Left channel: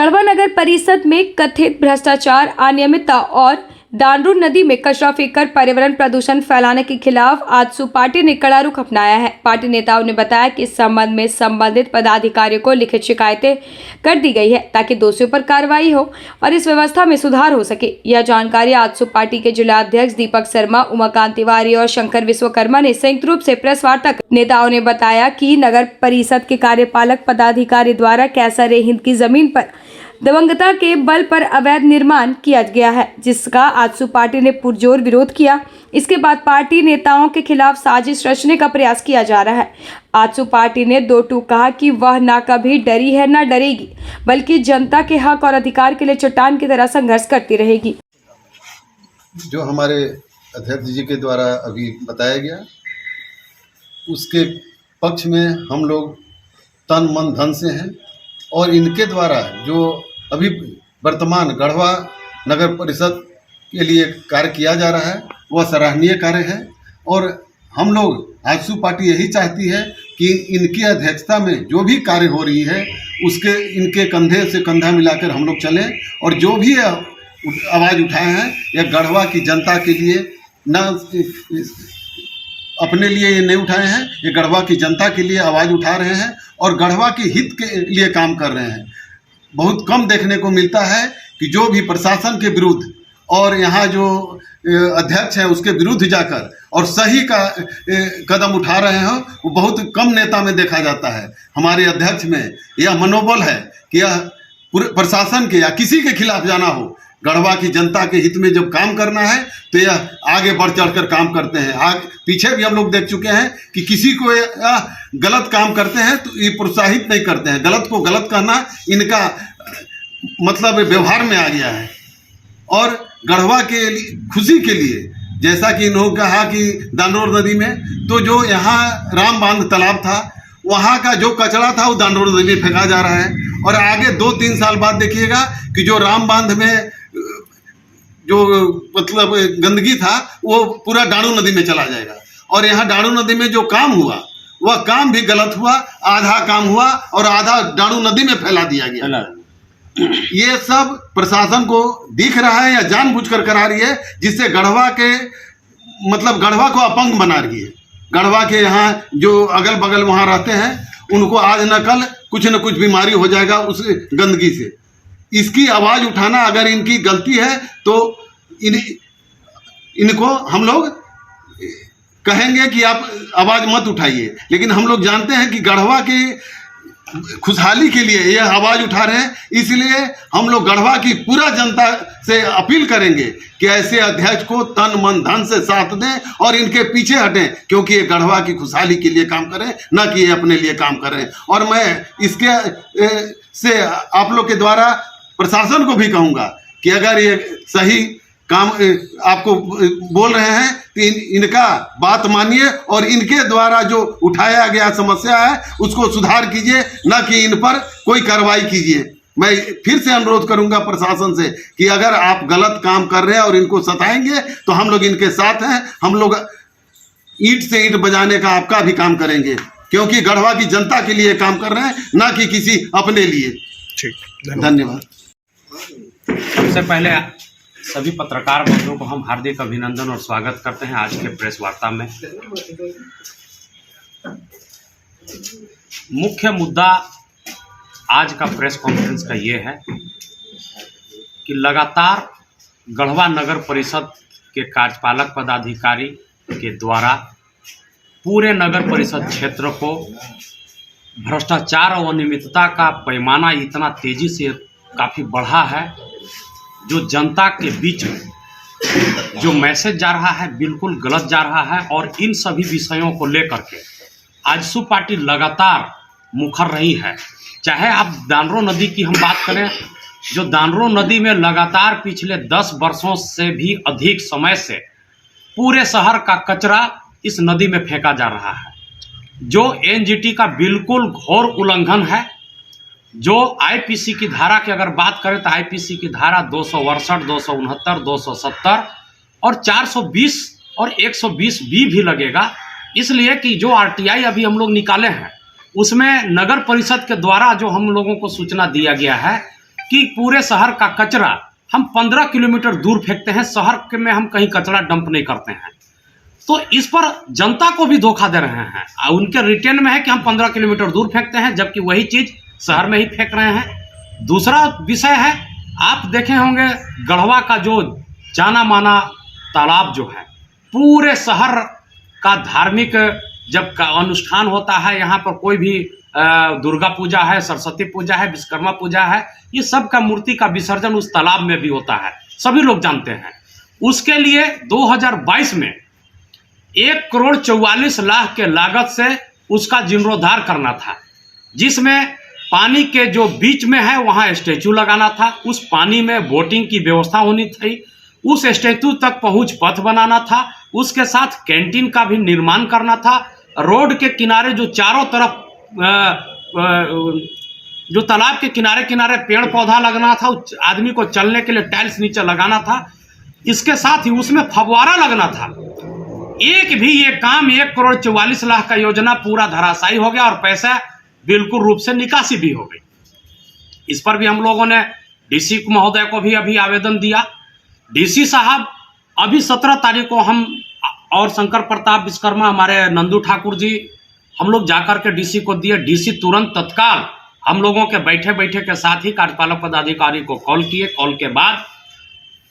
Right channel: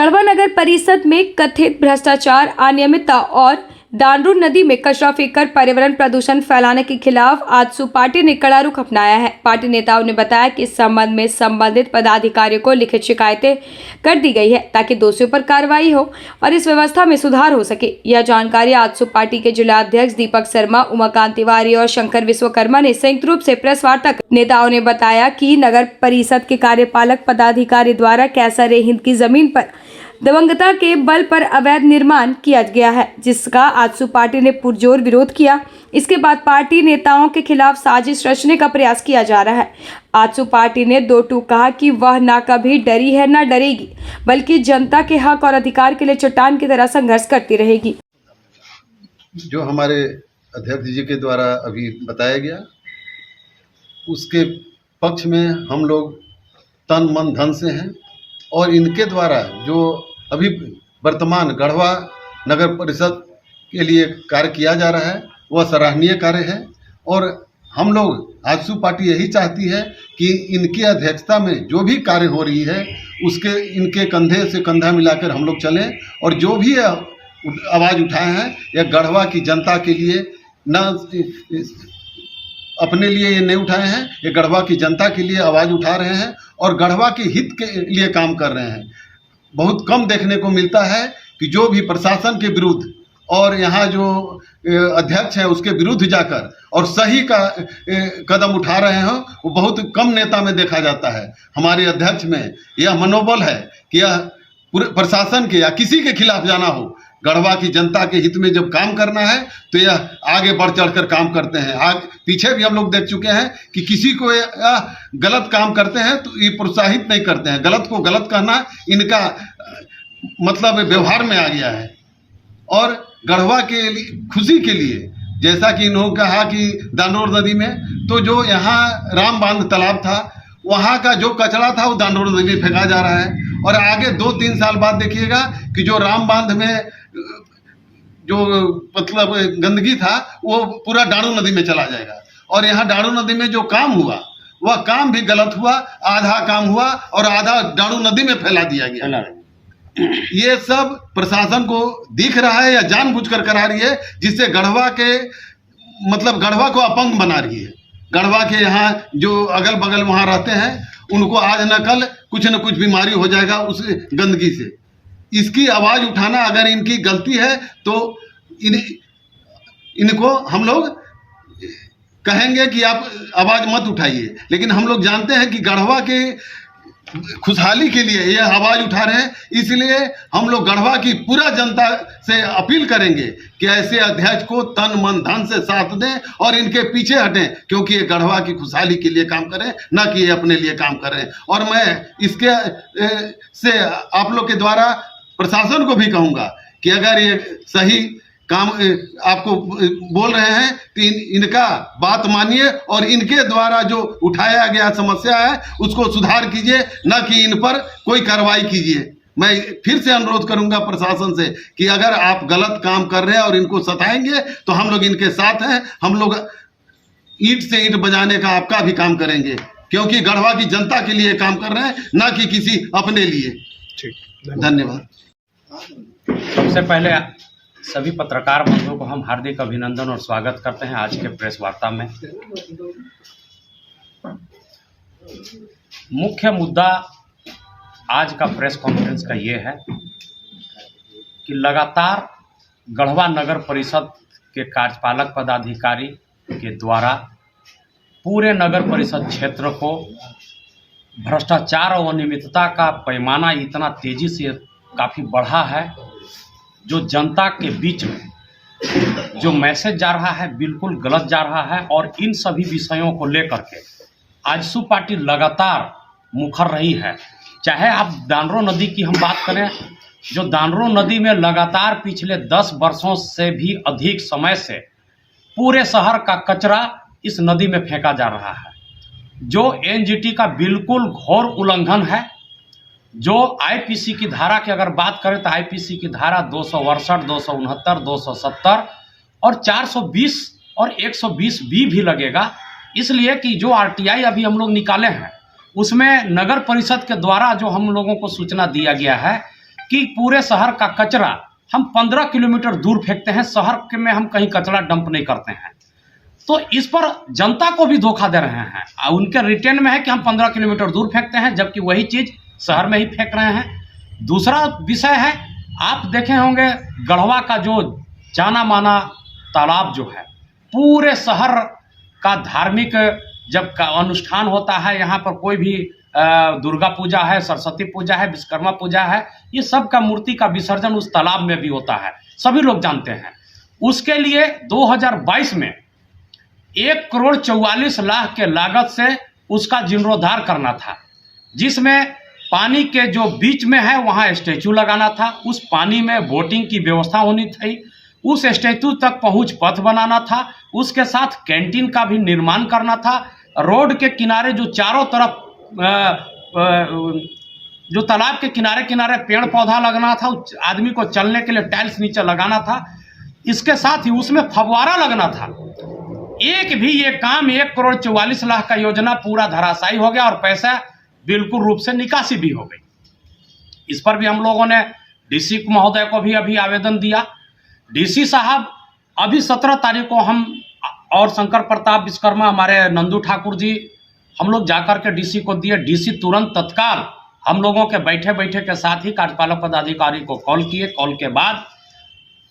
गढ़वा नगर परिषद में कथित भ्रष्टाचार, अनियमितता और दानरू नदी में कचरा फेंककर पर्यावरण प्रदूषण फैलाने के खिलाफ आजसू पार्टी ने कड़ा रुख अपनाया है। पार्टी नेताओं ने बताया कि इस संबंध में संबंधित पदाधिकारियों को लिखित शिकायतें कर दी गई है ताकि दोषियों पर कार्रवाई हो और इस व्यवस्था में सुधार हो सके। यह जानकारी आजसू पार्टी के जिला अध्यक्ष दीपक शर्मा, उमाकांत तिवारी और शंकर विश्वकर्मा ने संयुक्त रूप से प्रेस वार्ता कर नेताओं ने बताया कि नगर परिषद के कार्यपालक पदाधिकारी द्वारा कैसर हिंद की जमीन पर दिवंगता के बल पर अवैध निर्माण किया गया है, जिसका आजसू पार्टी ने पुरजोर विरोध किया। इसके बाद पार्टी नेताओं के खिलाफ साजिश रचने का प्रयास किया जा रहा है। आजसू पार्टी ने दो टूक कहा कि वह ना कभी डरी है ना डरेगी, बल्कि जनता के हक और अधिकार के लिए चट्टान की तरह संघर्ष करती रहेगी। जो हमारे अध्यक्ष जी के द्वारा अभी बताया गया, उसके पक्ष में हम लोग तन मन धन से हैं और इनके द्वारा जो अभी वर्तमान गढ़वा नगर परिषद के लिए कार्य किया जा रहा है वह सराहनीय कार्य है। और हम लोग आजसू पार्टी यही चाहती है कि इनकी अध्यक्षता में जो भी कार्य हो रही है उसके इनके कंधे से कंधा मिलाकर हम लोग चलें और जो भी आवाज़ उठाए हैं यह गढ़वा की जनता के लिए, न अपने लिए ये नहीं उठाए हैं, ये गढ़वा की जनता के लिए आवाज़ उठा रहे हैं और गढ़वा के हित के लिए काम कर रहे हैं। बहुत कम देखने को मिलता है कि जो भी प्रशासन के विरुद्ध और यहाँ जो अध्यक्ष है उसके विरुद्ध जाकर और सही का कदम उठा रहे हो, वो बहुत कम नेता में देखा जाता है। हमारे अध्यक्ष में यह मनोबल है कि यह पूरे प्रशासन के या किसी के खिलाफ जाना हो, गढ़वा की जनता के हित में जब काम करना है तो यह आगे बढ़ चढ़कर काम करते हैं। पीछे भी हम लोग देख चुके हैं कि किसी को गलत काम करते हैं तो ये प्रोत्साहित नहीं करते हैं। गलत को गलत कहना इनका मतलब व्यवहार में आ गया है। और गढ़वा के खुशी के लिए, जैसा कि इन्होंने कहा कि दानोर नदी में तो जो यहाँ राम बांध तालाब था वहाँ का जो कचरा था वो दानोर नदी में फेंका जा रहा है। और आगे 2-3 साल बाद देखिएगा कि जो राम बांध में जो मतलब गंदगी था वो पूरा डाणू नदी में चला जाएगा। और यहाँ डाणू नदी में जो काम हुआ वह काम भी गलत हुआ, आधा काम हुआ और आधा डाणू नदी में फैला दिया गया। ये सब प्रशासन को दिख रहा है या जानबूझकर करा रही है, जिससे गढ़वा के मतलब गढ़वा को अपंग बना रही है। गढ़वा के यहाँ जो अगल बगल वहाँ रहते हैं उनको आज न कल कुछ न कुछ बीमारी हो जाएगा उस गंदगी से। इसकी आवाज़ उठाना अगर इनकी गलती है तो इनको हम लोग कहेंगे कि आप आवाज़ मत उठाइए, लेकिन हम लोग जानते हैं कि गढ़वा के खुशहाली के लिए यह आवाज़ उठा रहे हैं। इसलिए हम लोग गढ़वा की पूरा जनता से अपील करेंगे कि ऐसे अध्यक्ष को तन मन धन से साथ दें और इनके पीछे हटें, क्योंकि ये गढ़वा की खुशहाली के लिए काम करें, ना कि ये अपने लिए काम कर रहे हैं। और मैं इसके से आप लोग के द्वारा प्रशासन को भी कहूँगा कि अगर ये सही काम आपको बोल रहे हैं तो इनका बात मानिए और इनके द्वारा जो उठाया गया समस्या है उसको सुधार कीजिए, न कि इन पर कोई कार्रवाई कीजिए। मैं फिर से अनुरोध करूंगा प्रशासन से कि अगर आप गलत काम कर रहे हैं और इनको सताएंगे तो हम लोग इनके साथ हैं। हम लोग ईंट से ईंट बजाने का आपका भी काम करेंगे, क्योंकि गढ़वा की जनता के लिए काम कर रहे हैं, न कि किसी अपने लिए। ठीक, धन्यवाद। सबसे पहले सभी पत्रकार बंधुओं को हम हार्दिक अभिनंदन और स्वागत करते हैं आज के प्रेस वार्ता में। मुख्य मुद्दा आज का प्रेस कॉन्फ्रेंस का ये है कि लगातार गढ़वा नगर परिषद के कार्यपालक पदाधिकारी के द्वारा पूरे नगर परिषद क्षेत्र को भ्रष्टाचार और अनियमितता का पैमाना इतना तेजी से काफ़ी बढ़ा है, जो जनता के बीच में जो मैसेज जा रहा है बिल्कुल गलत जा रहा है। और इन सभी विषयों को लेकर के आजसू पार्टी लगातार मुखर रही है। चाहे आप दानरो नदी की हम बात करें, जो दानरो नदी में लगातार पिछले 10 वर्षों से भी अधिक समय से पूरे शहर का कचरा इस नदी में फेंका जा रहा है, जो एनजीटी का बिल्कुल घोर उल्लंघन है। जो आईपीसी की धारा की अगर बात करें तो आईपीसी की धारा 268, 269, 270 और 420 और 120 भी लगेगा। इसलिए कि जो आरटीआई अभी हम लोग निकाले हैं उसमें नगर परिषद के द्वारा जो हम लोगों को सूचना दिया गया है कि पूरे शहर का कचरा हम 15 किलोमीटर दूर फेंकते हैं, शहर में हम कहीं कचरा डंप नहीं करते हैं। तो इस पर जनता को भी धोखा दे रहे हैं। उनके रिटेन में है कि हम 15 किलोमीटर दूर फेंकते हैं, जबकि वही चीज़ शहर में ही फेंक रहे हैं। दूसरा विषय है, आप देखे होंगे गढ़वा का जो जाना माना तालाब जो है, पूरे शहर का धार्मिक जब का अनुष्ठान होता है, यहाँ पर कोई भी दुर्गा पूजा है, सरस्वती पूजा है, विश्वकर्मा पूजा है, ये सब का मूर्ति का विसर्जन उस तालाब में भी होता है, सभी लोग जानते हैं। उसके लिए 2022 में 1,44,00,000 के लागत से उसका जीर्णोद्धार करना था, जिसमें पानी के जो बीच में है वहाँ स्टैचू लगाना था, उस पानी में बोटिंग की व्यवस्था होनी थी, उस स्टैचू तक पहुँच पथ बनाना था, उसके साथ कैंटीन का भी निर्माण करना था। रोड के किनारे जो चारों तरफ जो तालाब के किनारे किनारे पेड़ पौधा लगना था, आदमी को चलने के लिए टाइल्स नीचे लगाना था, इसके साथ ही उसमें फव्वारा लगना था। एक भी ये काम 1,44,00,000 का योजना पूरा धराशायी हो गया और पैसा बिल्कुल रूप से निकासी भी हो गई। इस पर भी हम लोगों ने डीसी महोदय को भी अभी आवेदन दिया। डीसी साहब अभी 17 तारीख को हम और शंकर प्रताप विश्वकर्मा, हमारे नंदू ठाकुर जी, हम लोग जाकर के डीसी को दिए। डीसी तुरंत तत्काल हम लोगों के बैठे बैठे के साथ ही कार्यपालक पदाधिकारी को कॉल किए। कॉल के बाद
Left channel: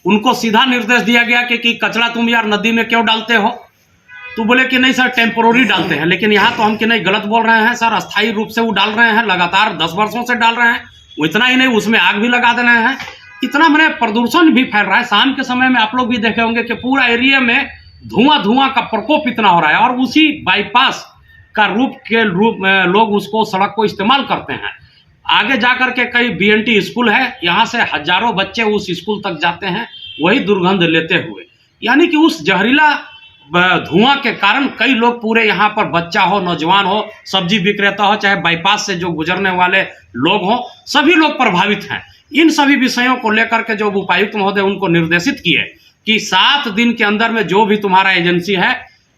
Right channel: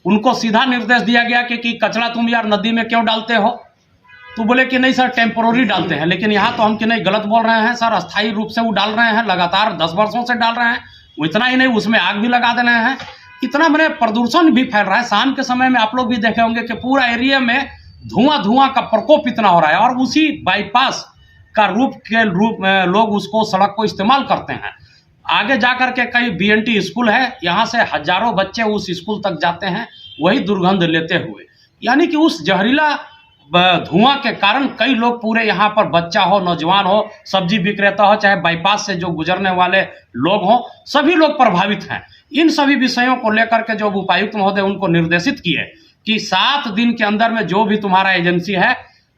उनको सीधा निर्देश दिया गया कि कचरा तुम यार नदी में क्यों डालते हो? तो बोले कि नहीं सर, टेम्पोररी डालते हैं। लेकिन यहाँ तो हम कि नहीं, गलत बोल रहे हैं सर, अस्थायी रूप से वो डाल रहे हैं, लगातार 10 वर्षों से डाल रहे हैं। वो इतना ही नहीं, उसमें आग भी लगा दे रहे हैं। इतना मैंने प्रदूषण भी फैल रहा है। शाम के समय में आप लोग भी देखे होंगे कि पूरा एरिया में धुआं का प्रकोप इतना हो रहा है, और उसी बाईपास का रूप में लोग उसको, सड़क को इस्तेमाल करते हैं। आगे जाकर के कई BNT स्कूल है, यहाँ से हजारों बच्चे उस स्कूल तक जाते हैं वही दुर्गंध लेते हुए। यानी कि उस जहरीला धुआं के कारण कई लोग, पूरे यहाँ पर बच्चा हो, नौजवान हो, सब्जी विक्रेता हो, चाहे बाईपास से जो गुजरने वाले लोग हों, सभी लोग प्रभावित हैं। इन सभी विषयों को लेकर के जो उपायुक्त महोदय उनको निर्देशित किए कि 7 दिन के अंदर में जो भी तुम्हारा एजेंसी है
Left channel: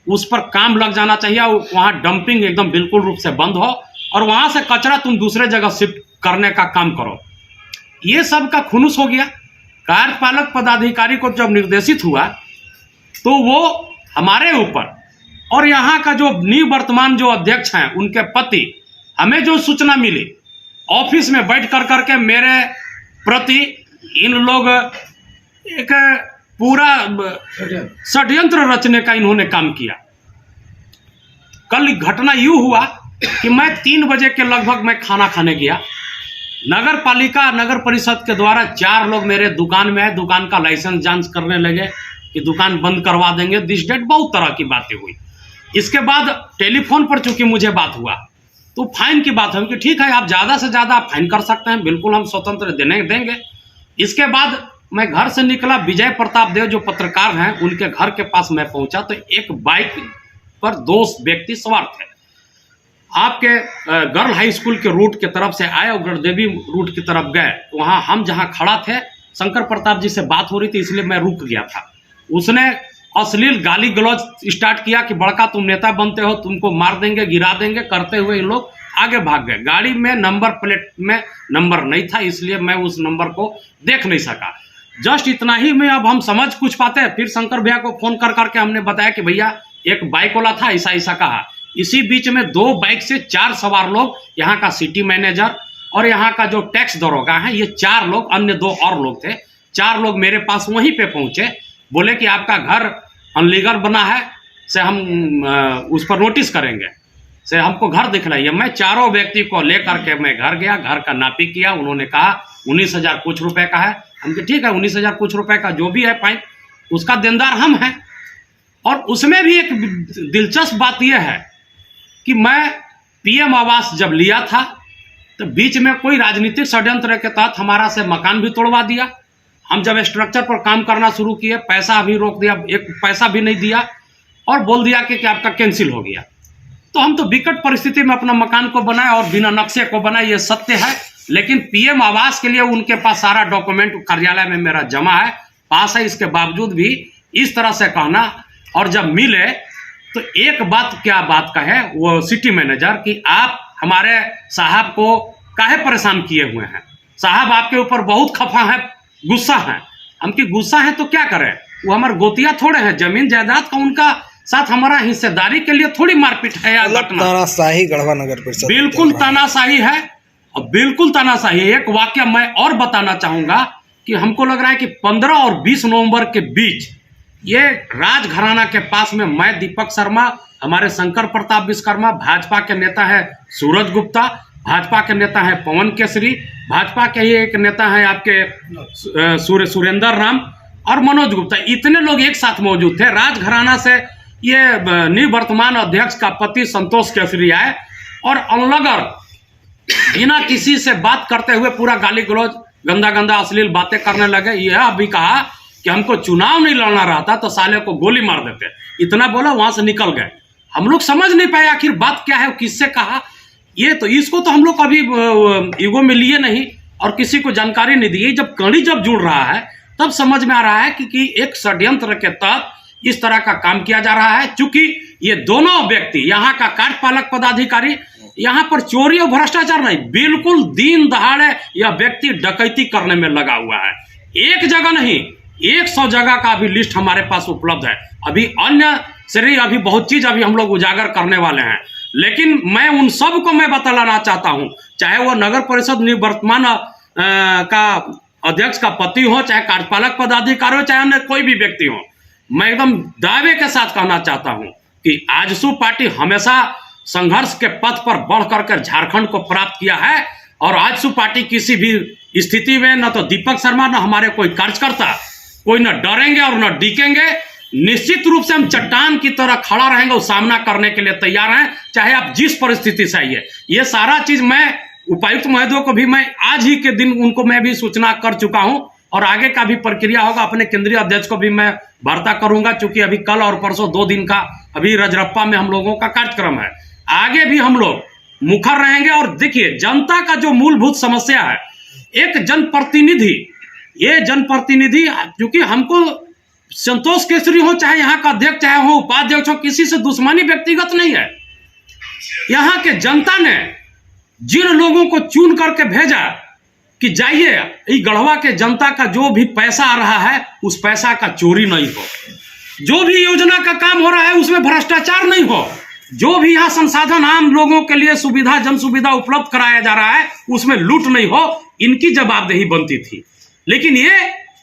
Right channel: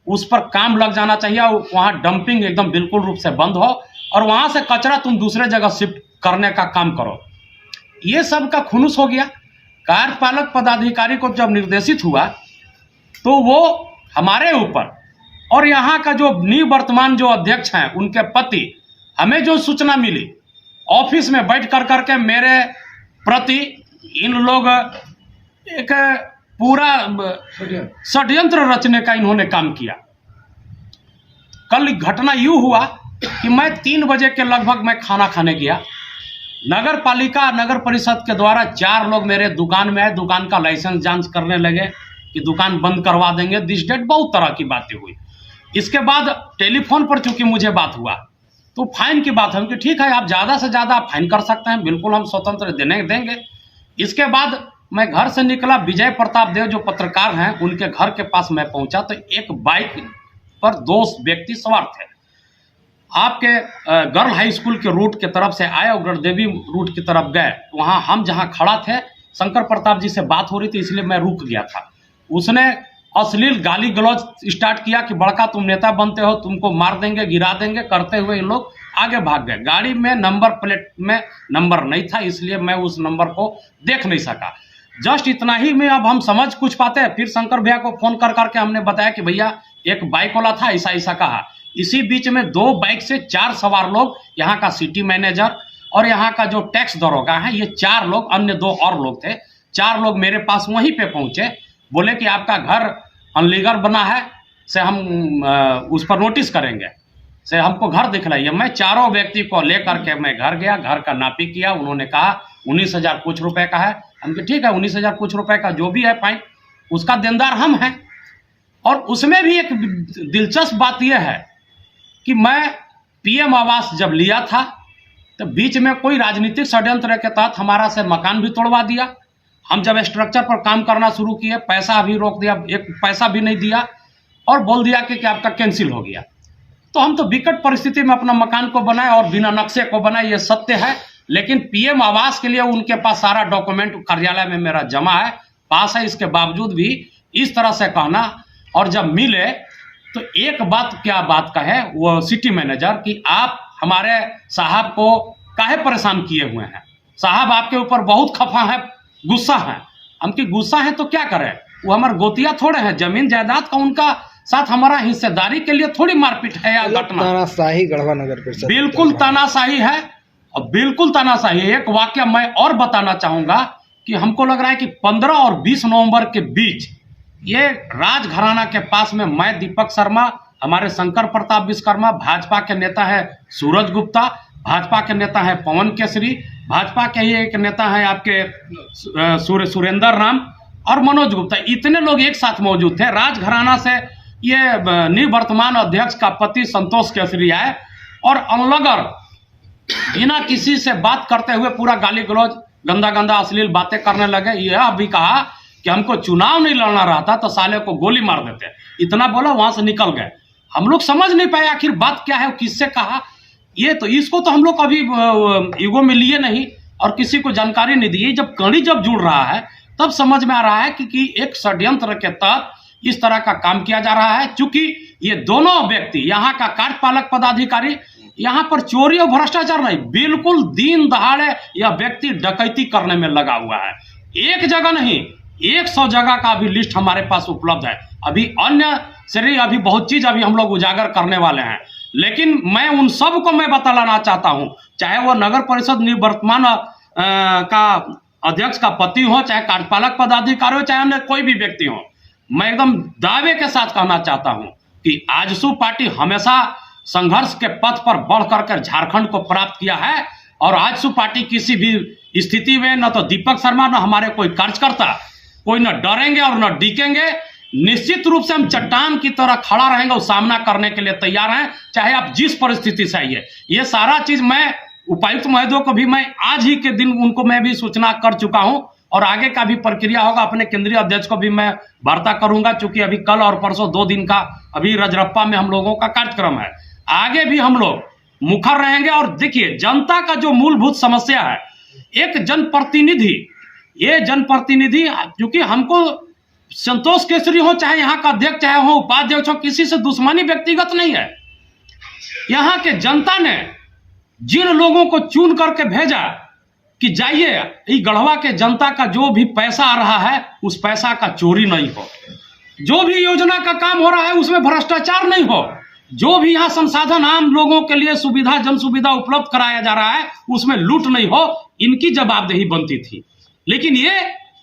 उस पर काम लग जाना चाहिए, वहाँ डंपिंग एकदम बिल्कुल रूप से बंद हो, और वहाँ से कचरा तुम दूसरे जगह शिफ्ट करने का काम करो। ये सब का खुनुस हो गया। कार्यपालक पदाधिकारी को जब निर्देशित हुआ तो वो हमारे ऊपर, और यहाँ का जो निवर्तमान जो अध्यक्ष हैं उनके पति, हमें जो सूचना मिली, ऑफिस में बैठ कर करके मेरे प्रति इन लोग एक पूरा षड्यंत्र रचने का इन्होंने काम किया। कल घटना यूँ हुआ कि मैं 3 बजे के लगभग मैं खाना खाने गया। नगर पालिका, नगर परिषद के द्वारा 4 लोग मेरे दुकान में आए, दुकान का लाइसेंस जांच करने लगे कि दुकान बंद करवा देंगे, दिस डेट, बहुत तरह की बातें हुई। इसके बाद टेलीफोन पर चूंकि मुझे बात हुआ तो फाइन की बात हुई कि ठीक है, आप ज़्यादा से ज़्यादा आप फाइन कर सकते हैं, बिल्कुल हम स्वतंत्र देंगे। इसके बाद मैं घर से निकला, विजय प्रताप देव जो पत्रकार हैं उनके घर के पास मैं पहुंचा तो एक बाइक पर 2 व्यक्ति सवार थे। आपके गर्ल हाई स्कूल के रूट की तरफ से आए और गढ़देवी रूट की तरफ गए। वहाँ हम जहाँ खड़ा थे, शंकर प्रताप जी से बात हो रही थी, इसलिए मैं रुक गया था। उसने अश्लील गाली गलौज स्टार्ट किया कि बड़का तुम नेता बनते हो, तुमको मार देंगे, गिरा देंगे, करते हुए इन लोग आगे भाग गए। गाड़ी में नंबर प्लेट में नंबर नहीं था, इसलिए मैं उस नंबर को देख नहीं सका। जस्ट इतना ही में अब हम समझ कुछ पाते हैं। फिर शंकर भैया को फोन कर करके हमने बताया कि भैया एक बाइक वाला था, ऐसा कहा। इसी बीच में 2 बाइक से 4 सवार लोग, यहाँ का सिटी मैनेजर और यहाँ का जो टैक्स दरोगा है, ये 4 लोग, अन्य 2 और लोग थे, 4 लोग मेरे पास वहीं पे पहुँचे। बोले कि आपका घर अनलीगल बना है, से हम उस पर नोटिस करेंगे, से हमको घर दिखलाइए। मैं 4 व्यक्ति को लेकर के मैं घर गया, घर का नापी किया। उन्होंने कहा 19,000 कुछ रुपए का है। हम कहा ठीक है, 19,000 कुछ रुपए का जो भी है फाइन, उसका देनदार हम हैं। और उसमें भी एक दिलचस्प बात यह है कि मैं PM आवास जब लिया था तो बीच में कोई राजनीतिक षड्यंत्र के तहत हमारा से मकान भी तोड़वा दिया। हम जब स्ट्रक्चर पर काम करना शुरू किए, पैसा भी रोक दिया, एक पैसा भी नहीं दिया, और बोल दिया कि आपका कैंसिल हो गया। तो हम तो विकट परिस्थिति में अपना मकान को बनाए और बिना नक्शे को बनाए, ये सत्य है। लेकिन PM आवास के लिए उनके पास सारा डॉक्यूमेंट कार्यालय में मेरा जमा है, पास है। इसके बावजूद भी इस तरह से कहना, और जब मिले तो एक बात, क्या बात कहे वो सिटी मैनेजर कि आप हमारे साहब को काहे परेशान किए हुए हैं। साहब आपके ऊपर बहुत खफा है, गुस्सा है। हम की गुस्सा है तो क्या करें, वो हमारे गोतिया थोड़े हैं, जमीन जायदाद का उनका साथ हमारा हिस्सेदारी के लिए थोड़ी मारपीट है या घटना। तानाशाही गढ़वा नगर परिषद बिल्कुल तानाशाही है और बिल्कुल तानाशाही है। एक वाक्य मैं और बताना चाहूंगा कि हमको लग रहा है कि 15 और 20 नवंबर के बीच ये राजघराना के पास में मैं दीपक शर्मा, हमारे शंकर प्रताप विश्वकर्मा, भाजपा के नेता है सूरज गुप्ता, भाजपा के नेता है पवन केसरी, भाजपा के ही एक नेता है आपके सुरेंद्र राम और मनोज गुप्ता, इतने लोग एक साथ मौजूद थे। राजघराना से ये निवर्तमान अध्यक्ष का पति संतोष केसरी आए और अनलगर बिना किसी से बात करते हुए पूरा गाली गलौज, गंदा गंदा अश्लील बातें करने लगे। यह भी कहा कि हमको चुनाव नहीं लड़ना रहता तो साले को गोली मार देते, इतना बोला, वहां से निकल गए। हम लोग समझ नहीं पाए आखिर बात क्या है, किससे कहा। ये तो इसको तो हम लोग कभी ईगो में लिए नहीं और किसी को जानकारी नहीं दी। जब कड़ी जब जुड़ रहा है तब समझ में आ रहा है कि एक षड्यंत्र के तहत इस तरह का काम किया जा रहा है। चूंकि ये दोनों व्यक्ति यहाँ का कार्यपालक पदाधिकारी, यहाँ पर चोरी और भ्रष्टाचार नहीं, बिल्कुल दिन दहाड़े यह व्यक्ति डकैती करने में लगा हुआ है। एक जगह नहीं, 100 जगह का अभी लिस्ट हमारे पास उपलब्ध है। अभी अन्य श्रेणी, अभी बहुत चीज अभी हम लोग उजागर करने वाले हैं, लेकिन मैं उन सब को मैं बतलाना चाहता हूं, चाहे वह नगर परिषद निवर्तमान का अध्यक्ष का पति हो, चाहे कार्यपालक पदाधिकारी हो, चाहे अन्य कोई भी व्यक्ति हो, मैं एकदम दावे के साथ कहना चाहता हूं कि आजसू पार्टी हमेशा संघर्ष के पथ पर बढ़ करके झारखंड को प्राप्त किया है और आजसू पार्टी किसी भी स्थिति में न तो दीपक शर्मा न हमारे कोई कार्यकर्ता कोई न डरेंगे और न डिकेंगे। निश्चित रूप से हम चट्टान की तरह खड़ा रहेंगे, उस सामना करने के लिए तैयार हैं, चाहे आप जिस परिस्थिति से आइए। ये सारा चीज मैं उपायुक्त महोदय को भी मैं आज ही के दिन उनको मैं भी सूचना कर चुका हूं और आगे का भी प्रक्रिया होगा। अपने केंद्रीय अध्यक्ष को भी मैं वार्ता करूंगा, चूंकि अभी कल और परसों 2 दिन का अभी रजरप्पा में हम लोगों का कार्यक्रम है। आगे भी हम लोग मुखर रहेंगे। और देखिए, जनता का जो मूलभूत समस्या है, एक जनप्रतिनिधि, ये जनप्रतिनिधि, क्योंकि हमको संतोष केसरी हो, चाहे यहाँ का अध्यक्ष, चाहे हो उपाध्यक्ष हो, किसी से दुश्मनी व्यक्तिगत नहीं है। यहाँ के जनता ने जिन लोगों को चुन करके भेजा कि जाइए, ये गढ़वा के जनता का जो भी पैसा आ रहा है उस पैसा का चोरी नहीं हो, जो भी योजना का काम हो रहा है उसमें भ्रष्टाचार नहीं हो, जो भी यहाँ संसाधन आम लोगों के लिए सुविधा, जन सुविधा उपलब्ध कराया जा रहा है उसमें लूट नहीं हो, इनकी जवाबदेही बनती थी। लेकिन ये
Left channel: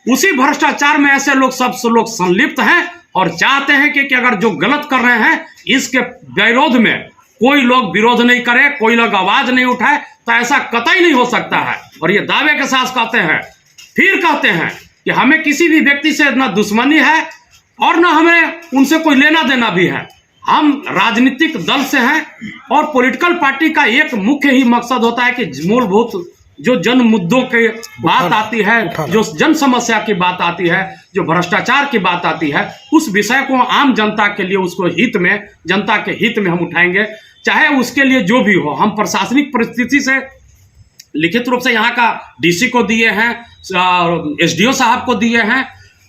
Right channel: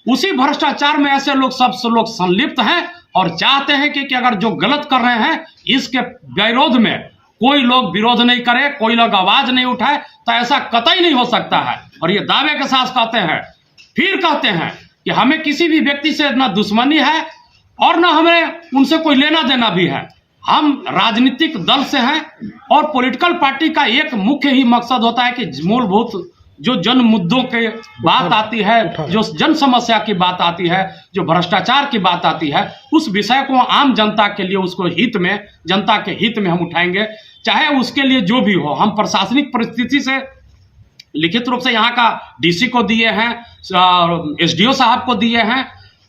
उसी भ्रष्टाचार में ऐसे लोग, सब लोग संलिप्त हैं और चाहते हैं कि अगर जो गलत कर रहे हैं इसके विरोध में कोई लोग विरोध नहीं करे, कोई लोग आवाज नहीं उठाए, तो ऐसा कतई नहीं हो सकता है। और ये दावे के साथ कहते हैं, फिर कहते हैं कि हमें किसी भी व्यक्ति से ना दुश्मनी है और ना हमें उनसे कोई लेना देना भी है। हम राजनीतिक दल से हैं और पॉलिटिकल पार्टी का एक मुख्य ही मकसद होता है कि मूलभूत जो जन मुद्दों की बात आती है, जो जन समस्या की बात आती है, जो भ्रष्टाचार की बात आती है, उस विषय को आम जनता के लिए, उसको हित में, जनता के हित में हम उठाएंगे, चाहे उसके लिए जो भी हो। हम प्रशासनिक परिस्थिति से लिखित रूप से यहाँ का डीसी को दिए हैं, एसडीओ साहब को दिए हैं,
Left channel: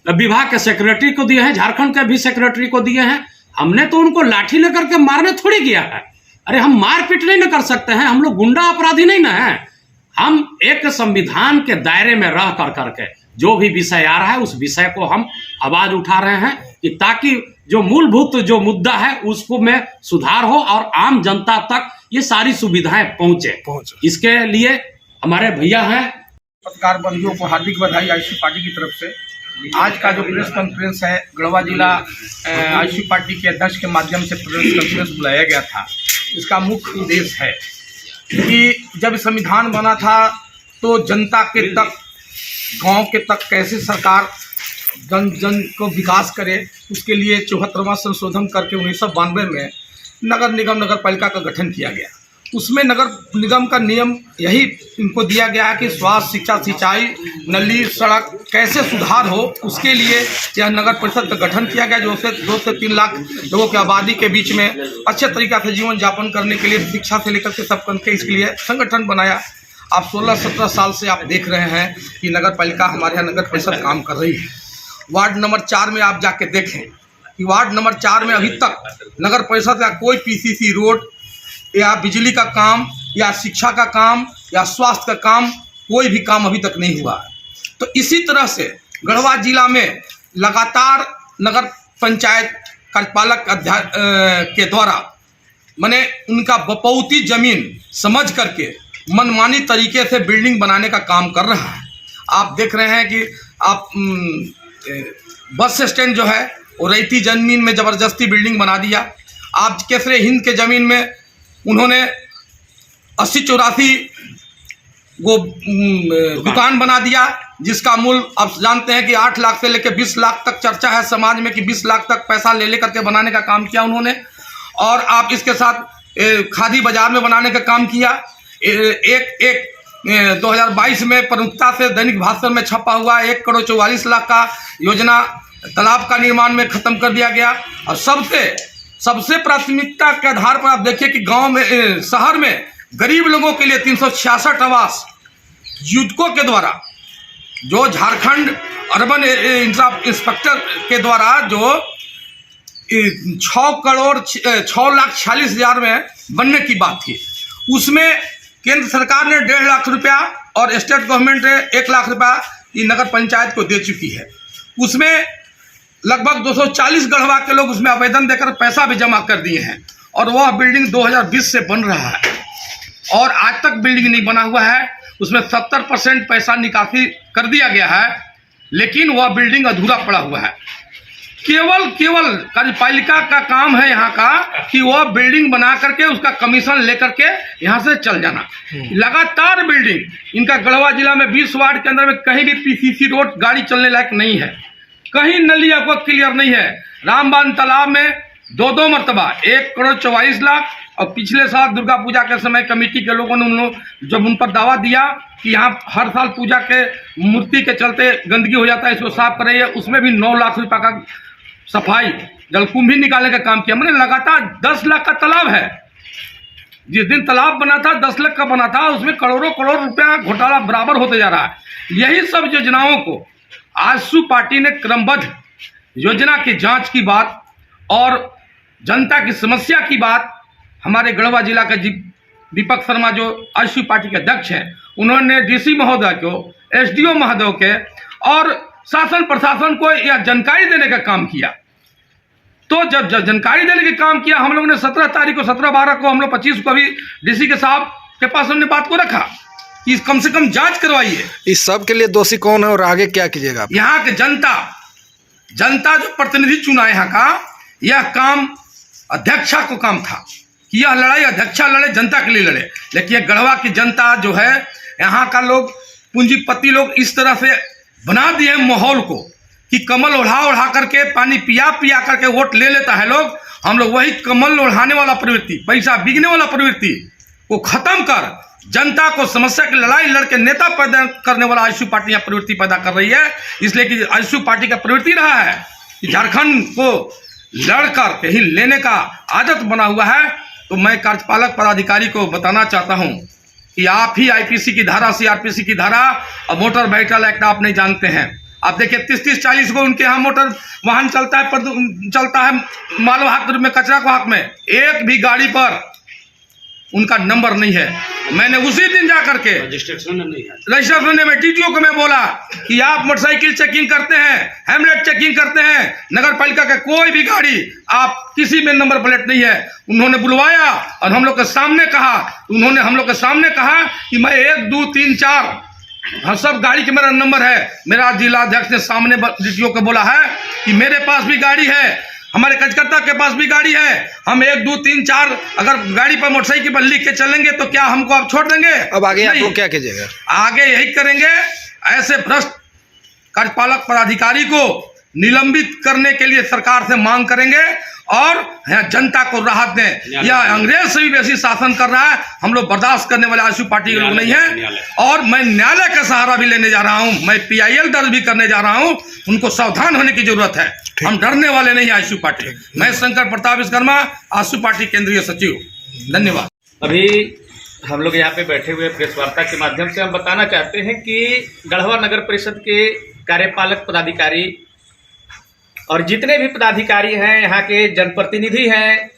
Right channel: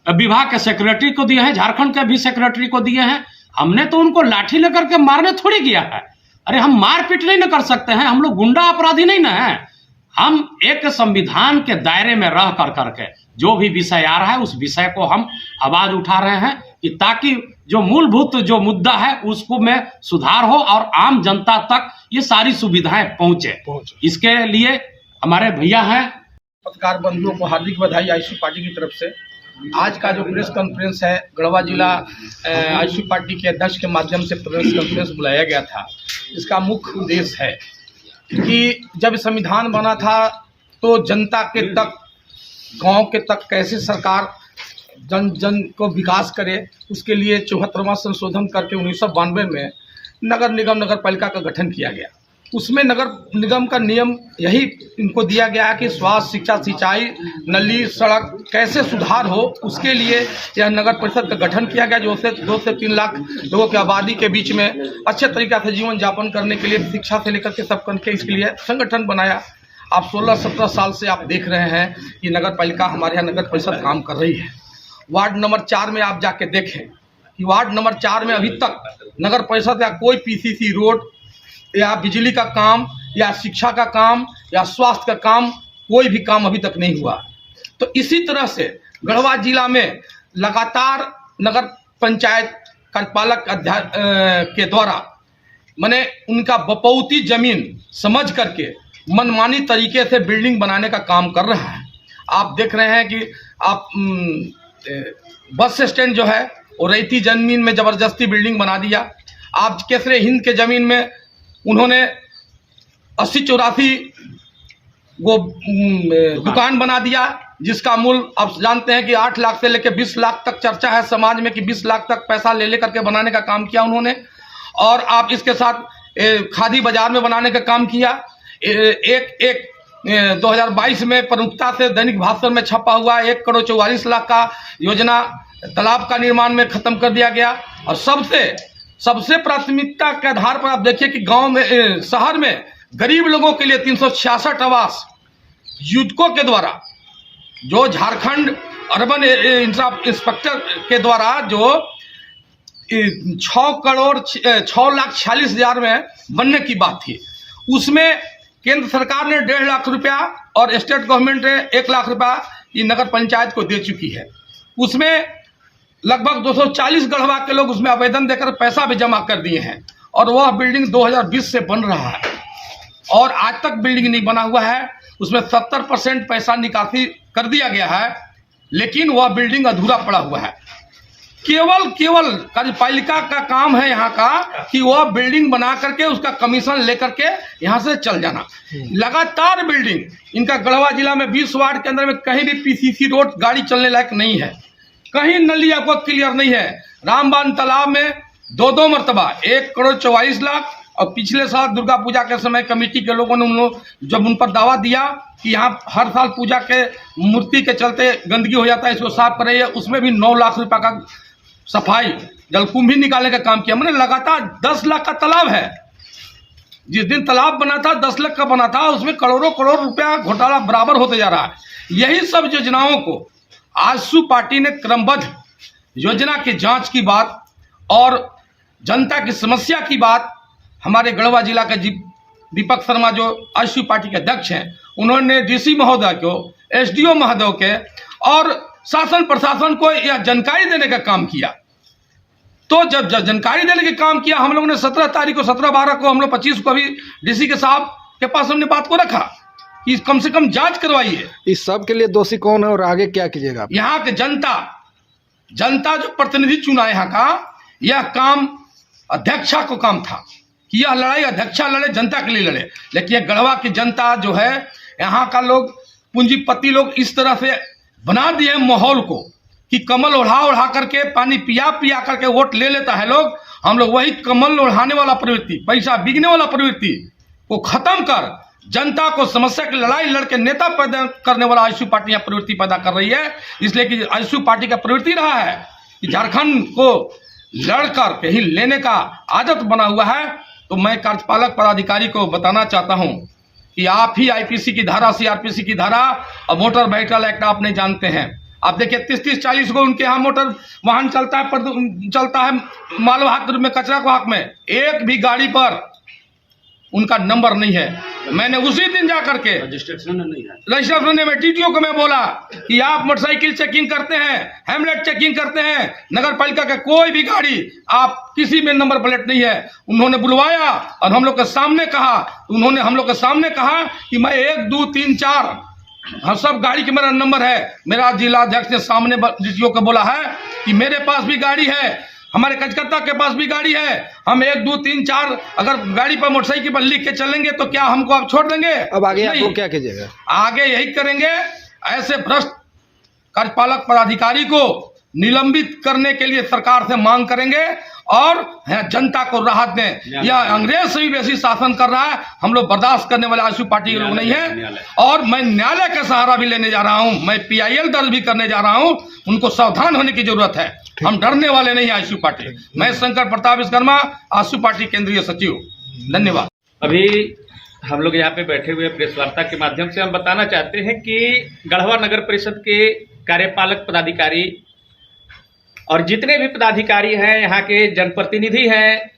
विभाग के सेक्रेटरी को दिए हैं, झारखंड के भी सेक्रेटरी को दिए हैं। हमने तो उनको लाठी लेकर के मारने थोड़ी गया है। अरे हम मारपीट नहीं न कर सकते हैं, हम लोग गुंडा अपराधी नहीं ना है। हम एक संविधान के दायरे में रह कर करके जो भी विषय आ रहा है उस विषय को हम आवाज उठा रहे हैं कि ताकि जो मूलभूत जो मुद्दा है उसको में सुधार हो और आम जनता तक ये सारी सुविधाएं पहुंचे। इसके लिए हमारे भैया हैं। पत्रकार बंधुओं को हार्दिक बधाई आईसी पार्टी की तरफ से। आज का जो प्रेस कॉन्फ्रेंस है, गढ़वा जिला आईसी पार्टी के अध्यक्ष के माध्यम से प्रेस कॉन्फ्रेंस बुलाया गया था। इसका मुख्य उद्देश्य है कि जब संविधान बना था तो जनता के तक, गांव के तक कैसे सरकार जन जन को विकास करे, उसके लिए 74वां संशोधन करके 1992 में नगर निगम नगर पालिका का गठन किया गया। उसमें नगर निगम का नियम यही इनको दिया गया कि स्वास्थ्य, शिक्षा, सिंचाई, नली, सड़क कैसे सुधार हो, उसके लिए यह नगर परिषद का गठन किया गया, जो 2 से 3 लाख लोगों की आबादी के बीच में अच्छे तरीक़ा से जीवन यापन करने के लिए, शिक्षा से लेकर के सब करके इसके लिए संगठन बनाया। आप 16-17 साल से आप देख रहे हैं कि नगर पालिका हमारे यहाँ नगर परिषद काम कर रही है। वार्ड नंबर 4 में आप जाके देखें कि वार्ड नंबर 4 में अभी तक नगर परिषद का कोई पीसीसी रोड या बिजली का काम या शिक्षा का काम या स्वास्थ्य का काम कोई भी काम अभी तक नहीं हुआ। तो इसी तरह से गढ़वा जिला में लगातार नगर पंचायत कार्यपालक के द्वारा माने उनका बपौती जमीन समझ करके मनमानी तरीके से बिल्डिंग बनाने का काम कर रहा है। आप देख रहे हैं कि आप बस स्टैंड जो है वो रैती जमीन में ज़बरदस्ती बिल्डिंग बना दिया। आप केसरे हिंद के ज़मीन में उन्होंने 80-84 वो दुकान बना दिया, जिसका मूल्य आप जानते हैं कि 8 लाख से लेकर 20 लाख तक चर्चा है समाज में कि 20 लाख तक पैसा ले करके बनाने का काम किया उन्होंने। और आप इसके साथ खादी बाजार में बनाने का काम किया। 2022 में प्रमुखता से दैनिक भास्कर में छपा हुआ 1 करोड़ 44 लाख का योजना तालाब का निर्माण में ख़त्म कर दिया गया। और सबसे प्राथमिकता के आधार पर आप देखिए कि गांव में शहर में गरीब लोगों के लिए 366 आवास युवकों के द्वारा, जो झारखंड अर्बन इंस्पेक्टर के द्वारा जो 6,46,00,000 में बनने की बात थी, उसमें केंद्र सरकार ने 1.5 लाख रुपया और स्टेट गवर्नमेंट ने 1 लाख रुपया ये नगर पंचायत को दे चुकी है। उसमें लगभग 240 गढ़वा के लोग उसमें आवेदन देकर पैसा भी जमा कर दिए हैं और वह बिल्डिंग 2020 से बन रहा है और आज तक बिल्डिंग नहीं बना हुआ है। उसमें 70% पैसा निकासी कर दिया गया है, लेकिन वह बिल्डिंग अधूरा पड़ा हुआ है। केवल कार्यपालिका का काम है यहाँ का कि वह बिल्डिंग बना करके उसका कमीशन लेकर के यहाँ से चल जाना। लगातार बिल्डिंग इनका गढ़वा जिला में 20 वार्ड के अंदर में कहीं भी पीसीसी रोड गाड़ी चलने लायक नहीं है, कहीं नली आपको क्लियर नहीं है। रामबान तालाब में 2 मरतबा 1 करोड़ 44 लाख और पिछले साल दुर्गा पूजा के समय कमेटी के लोगों ने जब उन पर दावा दिया कि यहाँ हर साल पूजा के मूर्ति के चलते गंदगी हो जाता है, इसको साफ कर रही है, उसमें भी 9 लाख रुपये का सफाई जलकुंभी निकालने का काम किया। मैंने लगातार 10 लाख का तालाब है, जिस दिन तालाब बना था 10 लाख का बना था, उसमें करोड़ों रुपया घोटाला बराबर होते जा रहा है। यही सब योजनाओं को आजसू पार्टी ने क्रमबद्ध योजना की जांच की बात और जनता की समस्या की बात हमारे गढ़वा जिला का दीपक शर्मा जो आजसू पार्टी के अध्यक्ष हैं, उन्होंने डीसी महोदय को, एसडीओ महोदय के और शासन प्रशासन को यह जानकारी देने का काम किया। तो जब जानकारी देने का काम किया, हम लोगों ने 17 तारीख को, 17-12 को, हम लोग 25 को भी डीसी के साहब के पास हमने बात को रखा कि कम से कम जांच करवाइए। इस सब के लिए दोषी कौन है और आगे क्या कीजिएगा? यहाँ के जनता जो प्रतिनिधि चुना यहाँ का, यह काम अध्यक्षा को काम था कि यह लड़ाई अध्यक्षा लड़े, जनता के लिए लड़े। लेकिन यह गढ़वा की जनता जो है, यहाँ का लोग पूंजीपति लोग इस तरह से बना दिए माहौल को कि कमल ओढ़ा करके पानी पिया करके वोट ले लेता है लोग। हम लोग वही कमल ओढ़ाने वाला प्रवृत्ति, पैसा बिकने वाला प्रवृत्ति को खत्म कर जनता को समस्या की लड़ाई लड़के नेता पैदा करने वाला आजसू पार्टी यहाँ प्रवृत्ति पैदा कर रही है। इसलिए कि आजसू पार्टी का प्रवृत्ति रहा है कि झारखंड को लड़कर कहीं लेने का आदत बना हुआ है। तो मैं कार्यपालक पदाधिकारी को बताना चाहता हूँ कि आप ही आईपीसी की धारा, सीआरपीसी की धारा और मोटर व्हीकल एक्ट आप नहीं जानते हैं। आप देखिए 30-40 को उनके यहाँ मोटर वाहन चलता है मालवाहक में, कचरा को हक में, एक भी गाड़ी पर उनका नंबर नहीं है। मैंने उसी दिन जा करके रजिस्ट्रेशन में टीटीओ को मैं बोला कि आप मोटरसाइकिल चेकिंग करते हैं, हेमलेट चेकिंग करते हैं, नगर पालिका का कोई भी गाड़ी आप किसी में नंबर प्लेट नहीं है। उन्होंने बुलवाया और हम लोग के सामने कहा कि मैं 1, 2, 3, 4 हाँ सब गाड़ी के मेरा नंबर है। मेरा जिला अध्यक्ष ने सामने टीटीओ को बोला है कि मेरे पास भी गाड़ी है, हमारे कार्यकर्ता के पास भी गाड़ी है, हम 1, 2, 3, 4 अगर गाड़ी पर मोटरसाइकिल पर लिख के चलेंगे तो क्या हमको आप छोड़ देंगे? अब आगे आप लोग क्या कीजिएगा? आगे यही करेंगे, ऐसे भ्रष्ट कार्यपालक पदाधिकारी को निलंबित करने के लिए सरकार से मांग करेंगे और जनता को राहत दें। यह अंग्रेज से भी बेसी शासन कर रहा है, हम लोग बर्दाश्त करने वाले आजसू पार्टी के लोग नहीं हैं। और मैं न्यायालय का सहारा भी लेने जा रहा हूं, मैं PIL दर्ज भी करने जा रहा हूं। उनको सावधान होने की जरूरत है, हम डरने वाले नहीं आजसू पार्टी। मैं शंकर प्रताप विश्वकर्मा, आजसू पार्टी केंद्रीय सचिव, धन्यवाद। अभी हम लोग यहाँ पे बैठे हुए प्रेस वार्ता के माध्यम से हम बताना चाहते हैं कि गढ़वा नगर परिषद के कार्यपालक पदाधिकारी और जितने भी पदाधिकारी हैं, यहाँ के जनप्रतिनिधि हैं,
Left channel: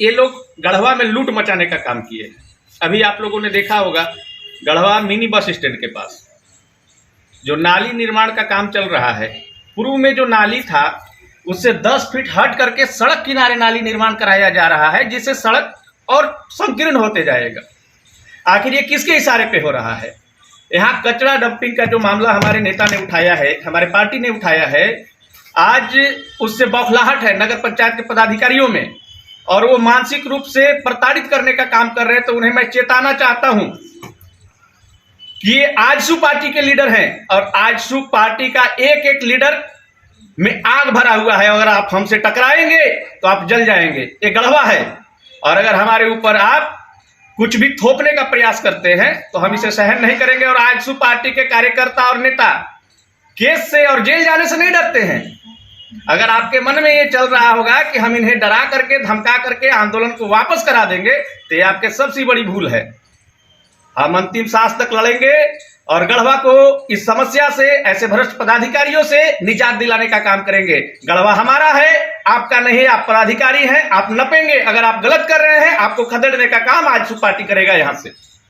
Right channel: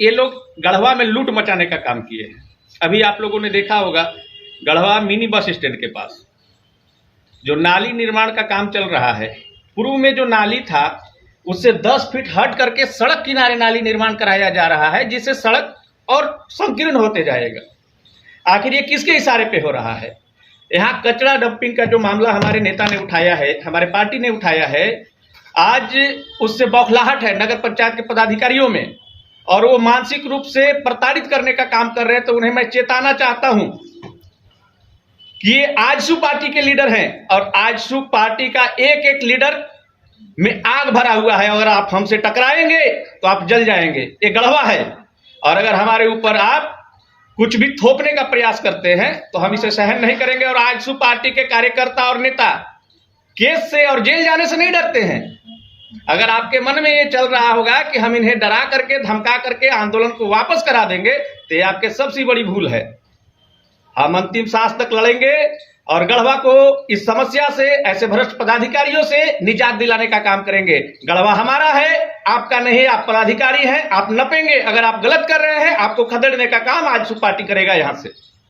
ये लोग गढ़वा में लूट मचाने का काम किए हैं। अभी आप लोगों ने देखा होगा गढ़वा मिनी बस स्टैंड के पास जो नाली निर्माण का काम चल रहा है, पूर्व में जो नाली था उससे 10 फीट हट करके सड़क किनारे नाली निर्माण कराया जा रहा है, जिससे सड़क और संकीर्ण होते जाएगा। आखिर ये किसके इशारे पे हो रहा है? यहाँ कचरा डंपिंग का जो मामला हमारे नेता ने उठाया है, हमारे पार्टी ने उठाया है, आज उससे बौखलाहट है नगर पंचायत के पदाधिकारियों में, और वो मानसिक रूप से प्रताड़ित करने का काम कर रहे हैं। तो उन्हें मैं चेताना चाहता हूं कि ये आजसू पार्टी के लीडर हैं और आजसू पार्टी का एक एक लीडर में आग भरा हुआ है। अगर आप हमसे टकराएंगे तो आप जल जाएंगे। ये गढ़वा है, और अगर हमारे ऊपर आप कुछ भी थोपने का प्रयास करते हैं तो हम इसे सहन नहीं करेंगे। और आजसू पार्टी के कार्यकर्ता और नेता केस से और जेल जाने से नहीं डरते हैं। अगर आपके मन में ये चल रहा होगा कि हम इन्हें डरा करके धमका करके आंदोलन को वापस करा देंगे, तो ये आपके सबसे बड़ी भूल है। हम अंतिम सांस तक लड़ेंगे और गढ़वा को इस समस्या से, ऐसे भ्रष्ट पदाधिकारियों से निजात दिलाने का काम करेंगे। गढ़वा हमारा है, आपका नहीं। आप पदाधिकारी हैं, आप नपेंगे। अगर आप गलत कर रहे हैं, आपको खदेड़ने का काम आजसू पार्टी करेगा यहाँ से।